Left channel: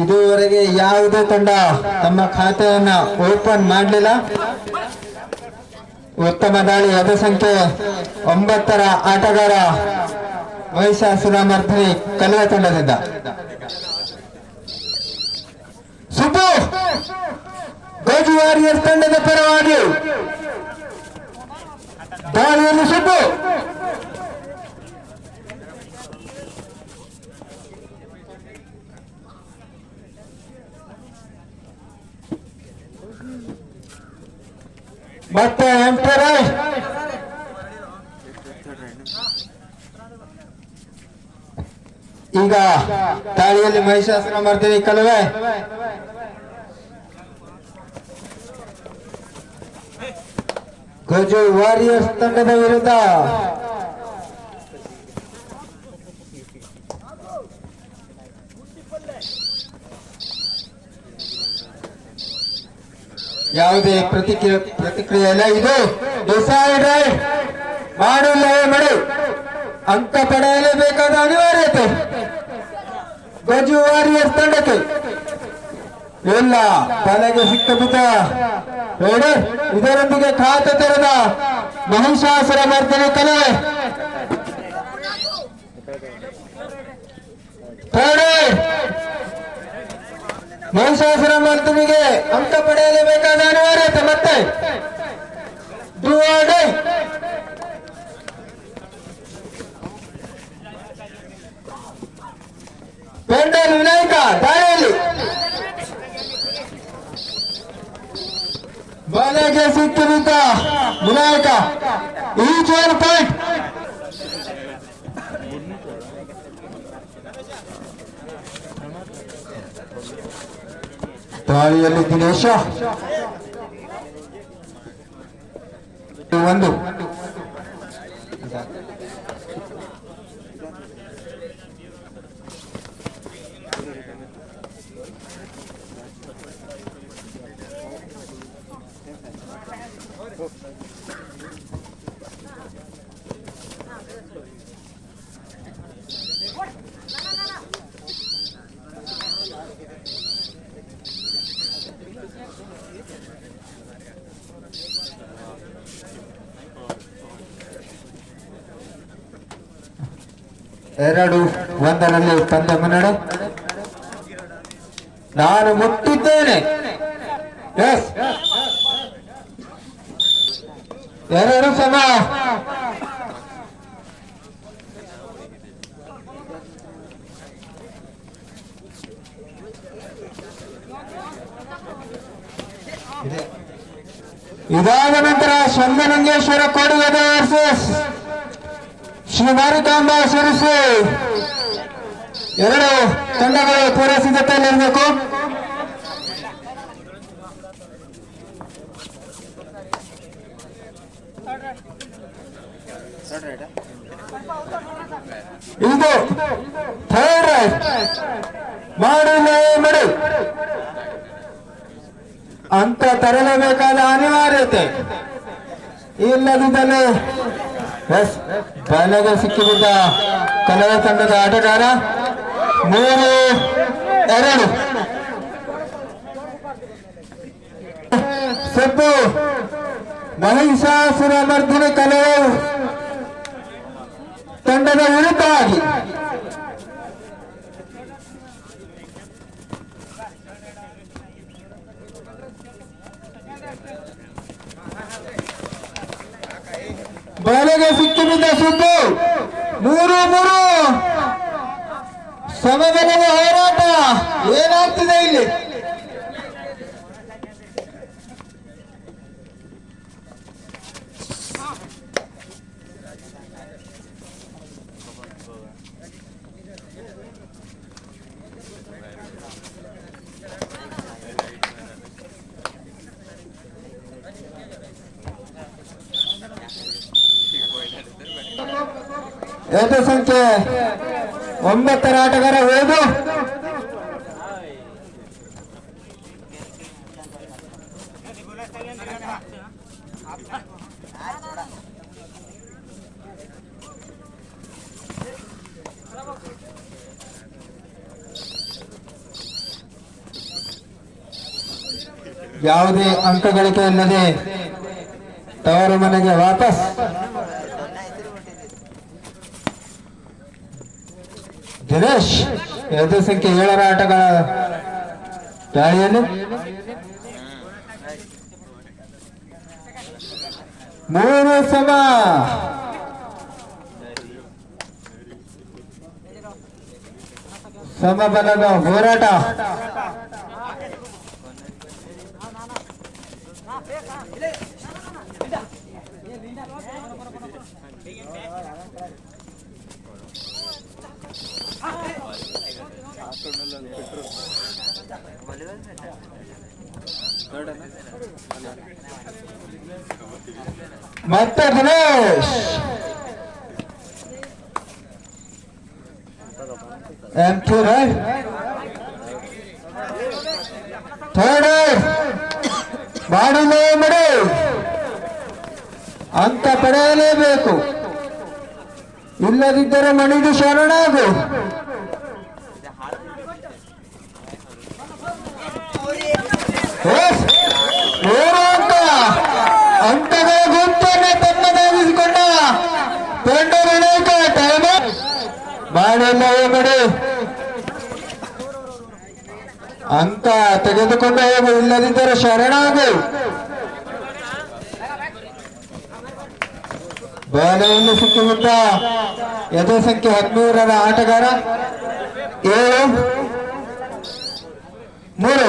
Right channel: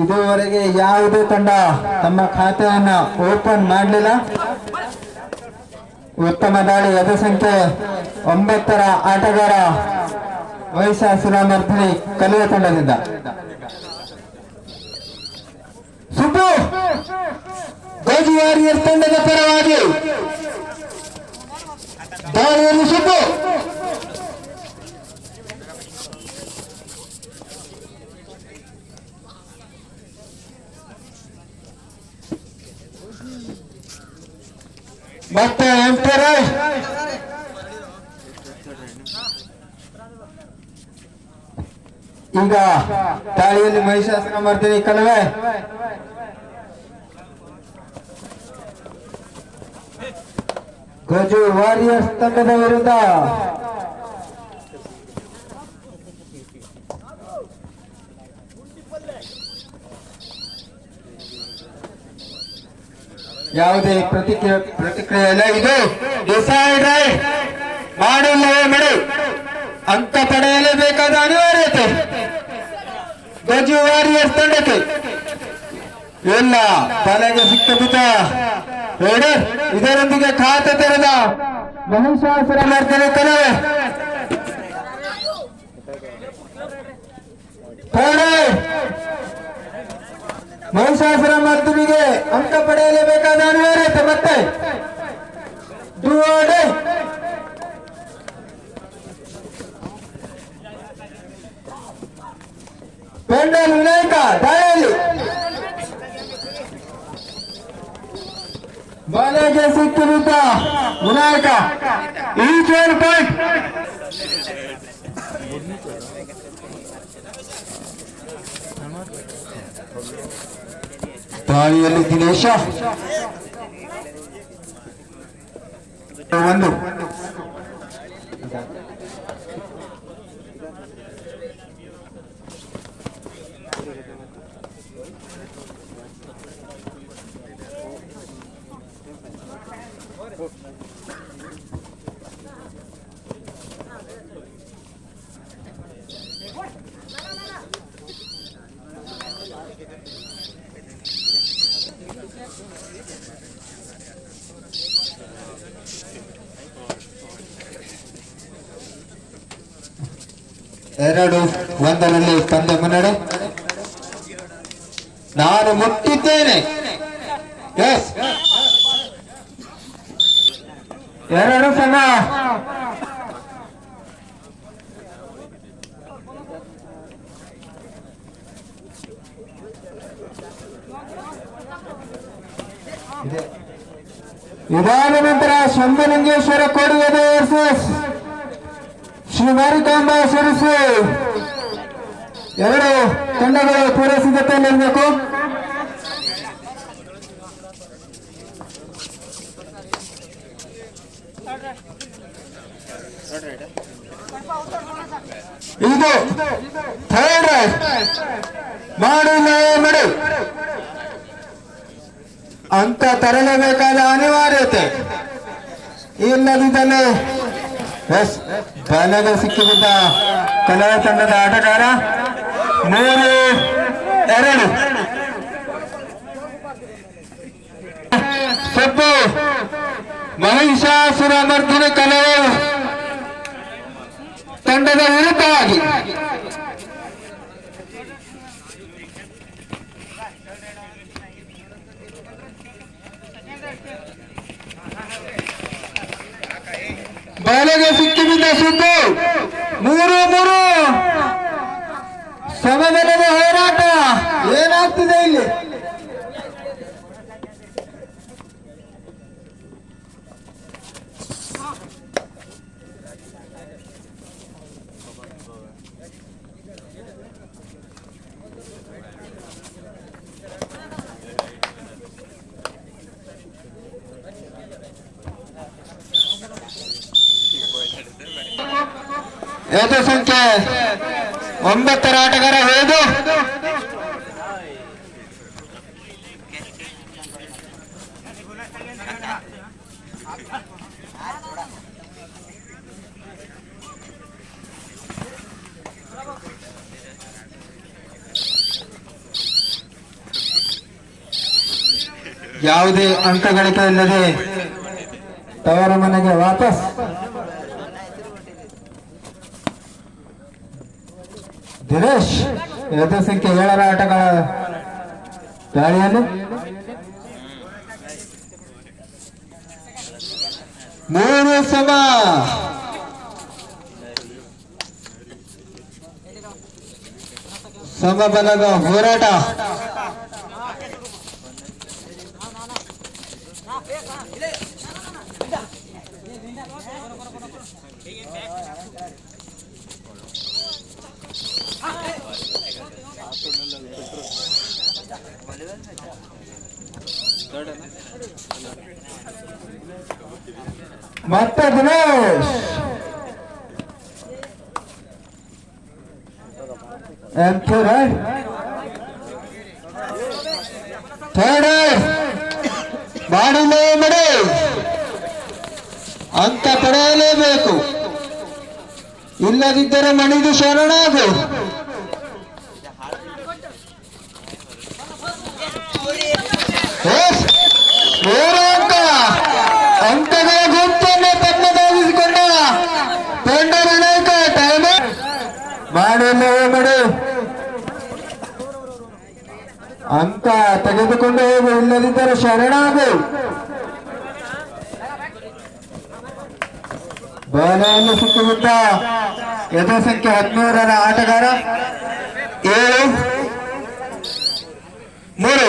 ಇದುವರೆಗೆ ಯಾವುದೇ ತಂಡ ತಮ್ಮ ಖಾತೆಯನ್ನ ಓಪನ್ ಮಾಡಲಿಲ್ಲ. ಉತ್ತಮ ದಾಳಿ ಅದ ಸಂಖ್ಯೆ ಒಂಬತ್ತರ ಆಟಗಾರ ವಯಸ್ಸ ಮರ್ಧನಿ ಕಲಿಯ ತಂಡದಿಂದ. ಗೋಜು ವಾರಿಯರ್ಸ್ ತಂಡದ ಪರವಾಗಿ ದಾಳಿಯಲ್ಲಿ ಸುಬ್ಬು ಮತ್ತೆ ಎಂಟರೇಶ್ ಈಗ ತಾಳಿಯಲ್ಲಿ ಮಹಿಷಾಸುರ ಮರ್ದಿನಿ ಕಲವೆ ಗಜು ವಾರಿಯರ್ಸ್ ತಂಡದ ವಿರುದ್ಧ. ಯಾವುದೇ ಪ್ರತಿಕ್ರಿಯೆ ಪ್ರತಿಕ್ರಿಯೆ ಇಲ್ಲ ಇದು ಡಿಸೈಡ್ ಮಾಡಿಲ್ಲವೇ ಮಾಡಿ. ಅಂಕ ಪಡೆಯಲೇಬೇಕಾದ ಅನಿವಾರ್ಯತೆ. ಗಜು ವಾರಿಯರ್ಸ್ ತಂಡಕ್ಕೆ. ಎಲ್ಲ ತಲೆಗೆ ಸಿಕ್ಕಬಿದ್ದ ರೇಡರ್ ಇದರೊಂದಿಗೆ ಖಾತೆ ತೆರೆದ ಮಹಿಷಾಸುರ ಮರ್ದನೆ ಕಲೆ. ತಡೆ ಮಹಿಷಾಸುರ ಮರ್ದನಿಗೆ ಅಂಕ ಪಡೆಯಲೇಬೇಕಾದ ಅನಿವಾರ್ಯತೆ ಮತ್ತೆ. ವಿನಾಯಕ ಈಚ್ ಒನ್ ಪಾಯಿಂಟ್ ದಾಳಿಯಲ್ಲಿ ದಿನೇಶ ಒಂದು ಎರಡು ತಂದೆ ಮುನ್ನಡೆ. ನಾನು ಮುಟ್ಟಿದ್ದೇನೆ. ಎರಡು ಸಮ ಇದಾದ ನಂತರ ಶಂಭನಂಗೇಶ್ವರ ಕೋಡಿ ಶ್ರೀ ಮಾರಿಕಾಂಬ ಸರಿಸು ಎರಡು ತಂಡಗಳು ಪೂರ್ವ ಸಿದ್ಧತೆಯಲ್ಲಿರಬೇಕು ಇದು ಥರ್ಡ್ ಮಾಡು, ಮೇಡು ಅಂತ ತರಲೇಬೇಕಾದ ಅನಿವಾರ್ಯತೆ. ಇಲ್ಲದಿದ್ದಲ್ಲಿ ಬಲದ ಸಿಕ್ಕಿಬಿದ್ದ ಕನ್ನಡ ತಂಡದ ಆಟಗಾರ ಮೂರು ಎರಡು ಸೊಪ್ಪು ಮಹಿಷಾಸುರ ಮರ್ದಿನ ಕಲವು ತಂಡದ ವಿರುದ್ಧವಾಗಿ ಬಲಗೆ ಸಿಕ್ಕಿಬಿದ್ದ ಸುದ್ದು ಮೂರು ಮೂರು ಸಮಬಲದ ಹೋರಾಟ ಏನಾಗ್ತಿದೆ ಇಲ್ಲಿ? ಸಂಖ್ಯೆ? ಒಂಬತ್ತರ ಆಟಗಾರ ಹೋದು ಯಾವುದೇ ಅಂಕಗಳಿಕೆ ಇಲ್ಲದೆ ತವರ ಮನೆಗೆ ವಾಪಸ್ ದಿನೇಶ್ ಎದು ಸಂಖ್ಯೆ ಏಳರ ಆಟಗಳ ದಾಳಿಯಲ್ಲಿ ಮೂರು ಸಮ ಸಮಬಲದ ಹೋರಾಟ ಮತ್ತೆ ದಿನೇಶ್ ಎಂಟು ರೈಟ್ ಥರ್ಡ್ ಮಾಡಿಲೇ ಮಡಿ ಅಂತ ಪಡೆಯಲೇಬೇಕು ಇಲ್ಲದಿದ್ದರೆ ಮಣಿದು ಶರಣಾಗು. ಅಂತ ತೆಗೆದುಕೊಂಡ ಗುಂಪನ್ನು ತೆಗೆದುಕೊಂಡು ಹೋಗು ಇಲ್ಲದಿದ್ದರೆ ಶರಣಾಗು. ಬಾಲೆಯನ್ನು ಸಿಕ್ಕುವಂತ ಯಥ ಸಂಖ್ಯೆ ಹದಿಮೂರರ ಆಟಗಾರ ಏಳು ಮೂರು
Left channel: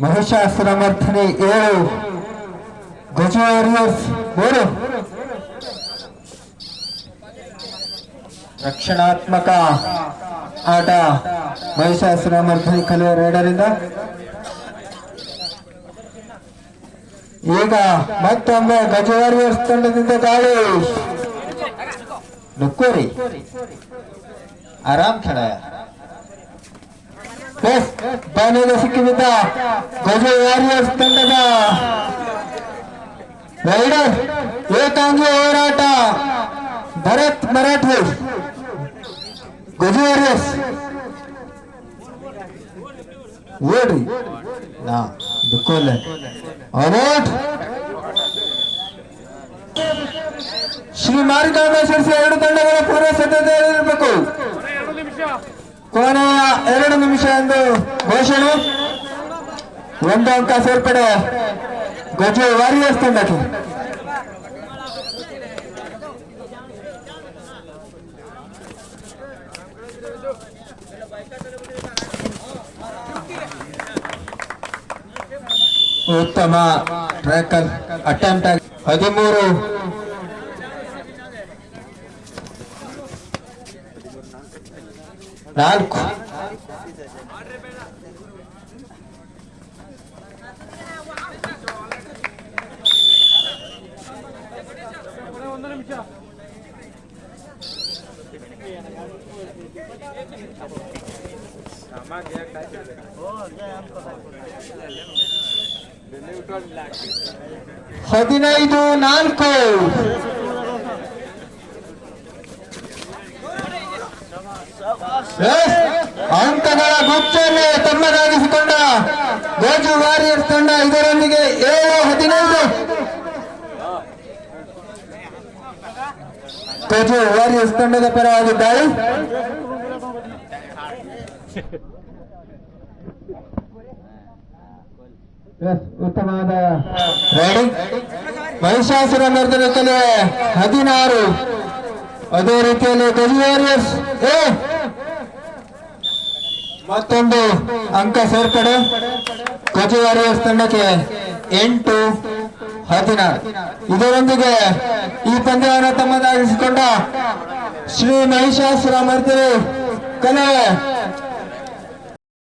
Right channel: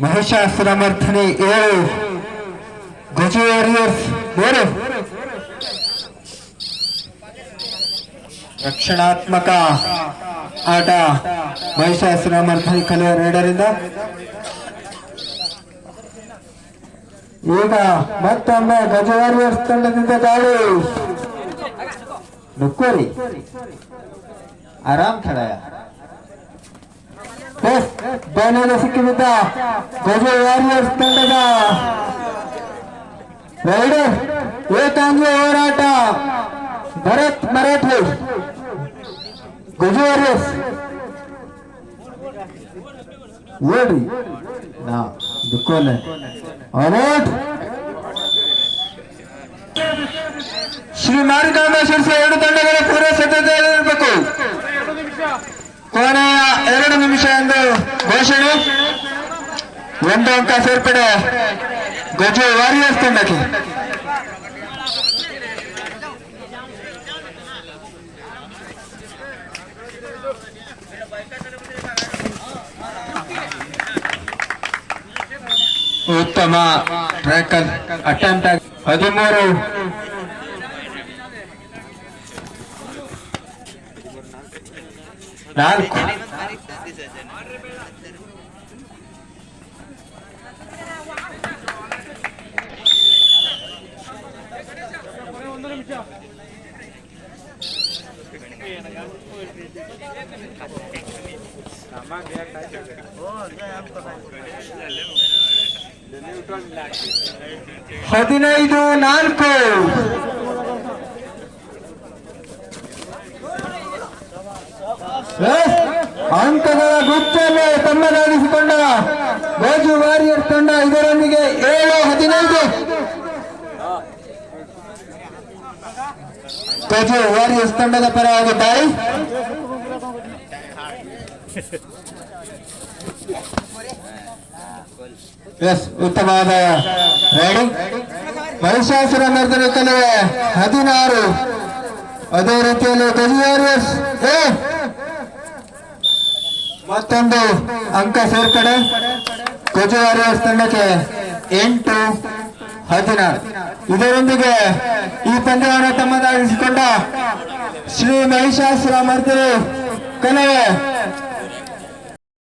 ಮಹಿಷಾಸುರಮರ್ಥನೆ ಏಳು ಗಜ ವಾರಿಯರ್ಸ್ ಮೂರು ರಕ್ಷಣಾತ್ಮಕ ಆಟ ಮಹಿಷಾಸುರಮರ್ಥನೆ ಕಲಿಯ ಎರಡರಿಂದ ಈಗ ಮತ್ತೊಮ್ಮೆ ಗಜ ವಾರಿಯರ್ಸ್ ತಂಡದಿಂದ ದಾಳಿ. ನುಕ್ಕೋರಿ. ಆರಾಮ್ ಎಸ್ ಬಾಲೆಗೆ ಸಿಕ್ಕಿಬಿದ್ದ ಗಜ ವಾರಿಯರ್ಸ್ ತಂಡದ. ರೈಡರ್ ಏಕಾಂಗ್ಲ ಹೋರಾಟ. ಭರತ್ ಮರಾಠೆ. ಗಜ ವಾರಿಯರ್ಸ್ ಓಡ್ರಿ ನಾ ದುಃಖಲೆ ಅನೋಟ್ ಶ್ರೀ ಮಾರಿಕಾಂಬೇಶ್ವರ ಎರಡು ತಂಡಗಳ ಪೂರ್ವ ಇರಬೇಕು ಕೊನೆಯ ಎರಡು ನಿಮಿಷ ಎಂದು ಘೋಷಣೆ ಒಂದು ಅಂಕ ಸೇರ್ಪಡೆ ಗಜ ವಾರಿಯರ್ಸ್ ತಂಡಕ್ಕೆ ಉತ್ತಮ ಟ್ರ್ಯಾಕರ್ ಅಟೆಂಪ್ಟ್ ಆಗಿ ಹದಿಮೂರು ನಾಲ್ಕು ಹದಿನೈದು, ನಾಲ್ಕು. ಅಂಕಗಳ ಗುಚ್ಚನ್ನು ತಮ್ಮದಾಗಿಸಿಕೊಂಡ ಬೇಜು ವಾರಿಯರ್ ತಂಡ ಇದರೊಂದಿಗೆ ಏಳು, ಹದಿನೈದು. ಬೇಜು ವಾರಿಯರ್ಸ್ ತಂಡದ ಪರವಾಗಿದ್ದಾರೆ ಎಸ್, ಉತ್ತಮವಾದ ರೈಡಿಂಗ್. ಮಹಿಷಾಸುರ ಮರ್ದನ ಕಲೆ ಹದಿನಾರು. ಅದೇ ರೀತಿಯಲ್ಲಿ ಗಜ ವಾರಿಯರ್ಸ್, ಏ! ಮತ್ತೊಂದು ಅಂಕ ಸೇರ್ಪಡೆ. ಗಜ ವಾರಿಯರ್ಸ್ ತಂಡಕ್ಕೆ ಎಂಟು, ಹದಿನಾರು. ಇದರೊಂದಿಗೆ ಈ ತಂಡವನ್ನು ತಮ್ಮದಾಗಿಸಿಕೊಂಡ ಶ್ರೀ ಮಹಿಷಾಸುರ ಮರ್ದನ ಕಲೆ